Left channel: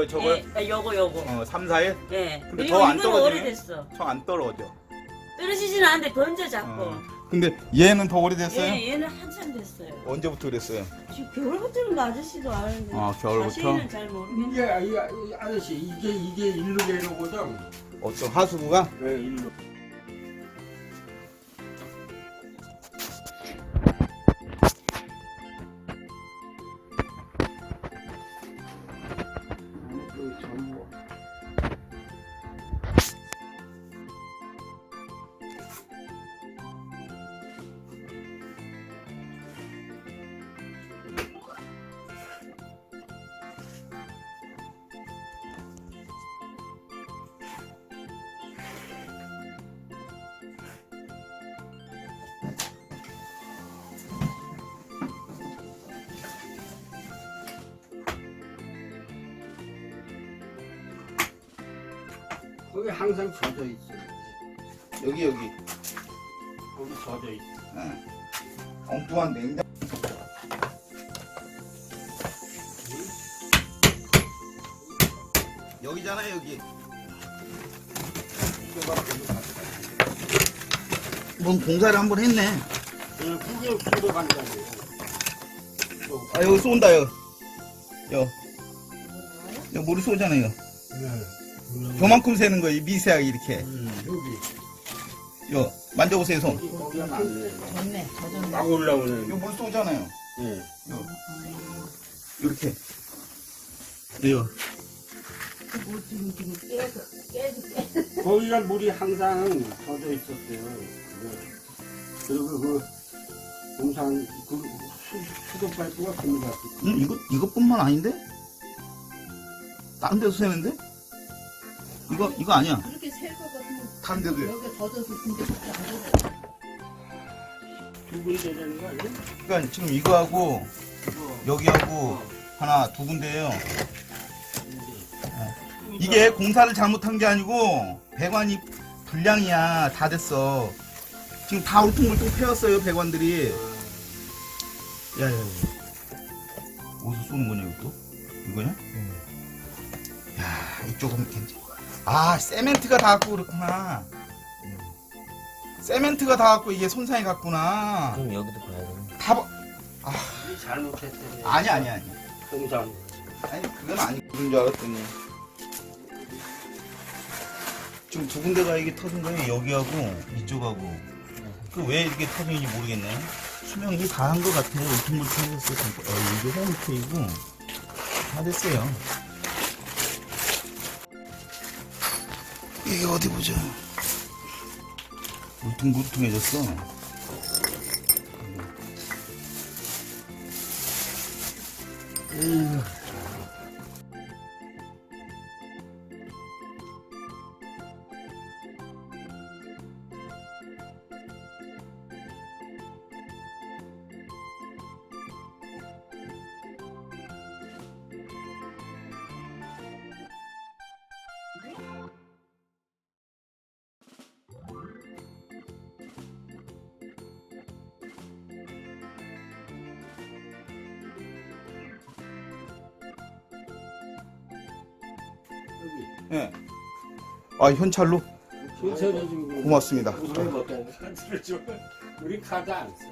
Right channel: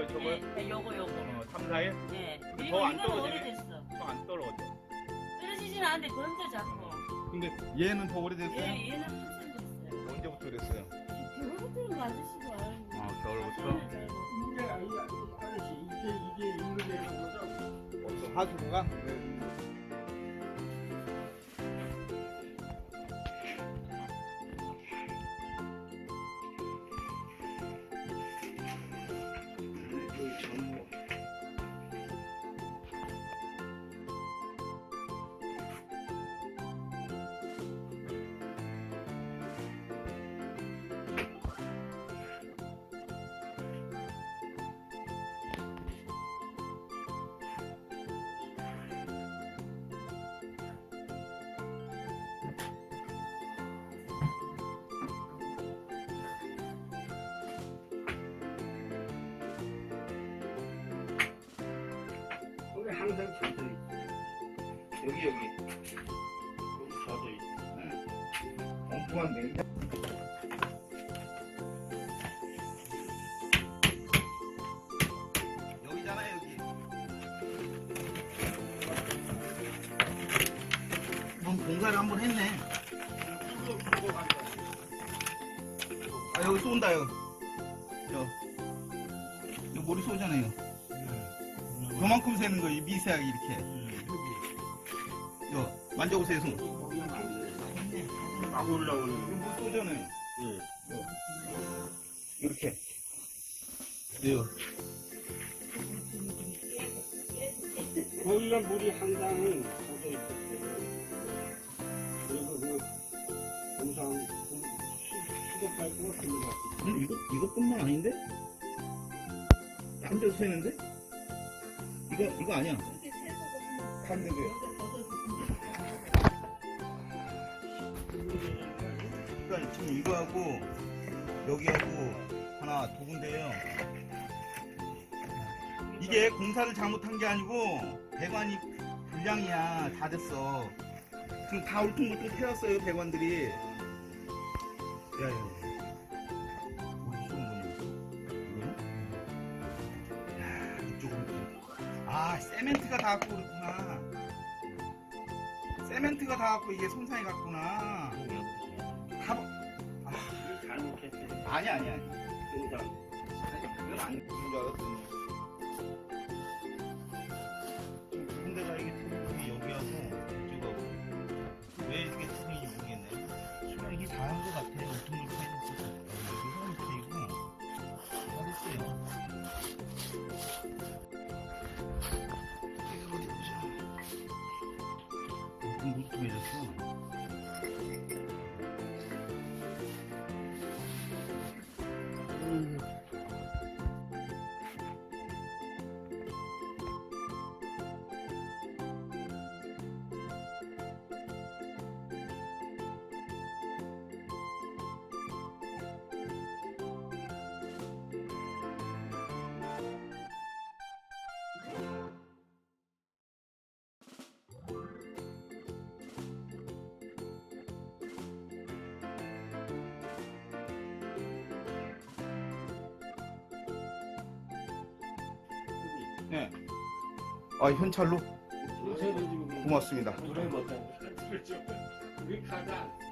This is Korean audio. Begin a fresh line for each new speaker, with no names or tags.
거예요, 저거요?
예, 요거.
3, 4일?
예.
근데
그리고
더 안
이건
떨어지네?
오래됐어.
저 안 떨어져.
떨어지지는 않는데 던져 자꾸.
근데 얘는 더 오래됐어요?
예, 얘는 한참 됐어요.
언제부터 그랬어요?
지금 겨울부터는 그 아저씨도 아는데.
겨울부터?
자세히는 잘 모르겠네.
이게 아저씨 이게 일로 되는 거죠?
어떤 하수구가?
네, 일로. 여기 전부. 거기 항상 젖어 있어.
여기.
거기 젖어 있어.
엉뚱한 냉장. 여기잖아요, 여기. 뭔 공사를 한번 했네.
그냥 구겨 간다고.
여기 쏜다, 여기. 여기 물이 쏘잖아요. 요만큼 새는 거예요, 미세하게 이렇게.
여기.
만져보세요, 손.
거기 하면 안 돼.
좋네.
막 올라오는.
이거 물 쏘잖아요.
예.
이렇게. 이거.
거기가 물이 항상 젖어 있었대요. 그리고 그 공산 그 수도 파이프가 그거 같아.
이것뿐만 아닌데? 다른 데도 새는데? 이거 아니야.
그렇게 셀 거거든요.
다른 데도요.
여기 걷어서 진짜 안 되잖아.
두분 되는 거 아니야?
그러니까 지금 이거하고 여기하고 하나 두 군데예요. 이게 공사를 잘못한 게 아니고 배관이 불량이야. 다 됐어. 지금 다 울퉁불퉁 패였어요, 배관들이. 야야. 어디서 쏘는 거냐 이거? 이거냐? 야, 이쪽은 괜찮아. 세멘트가 닿았고 그렇구나. 세멘트가 닿았고 이게 손상이 갔구나.
그럼 여기도 봐야 돼.
다
우리 잘못했대.
아니.
공산.
아니 그건 아니 그런 줄 알았더니 지금 두 군데가 이게 터진 거예요. 여기하고 이쪽하고. 그 왜 이렇게 터진지 모르겠네. 수명이 다 한 것 같아요. 울퉁불퉁했어요. 이게 세멘트이고 다 됐어요. 이게 어디 보자. 울퉁불퉁해졌어. 네. 현찰로
괜찮아 지금.
고맙습니다.
우리 카드 안 써.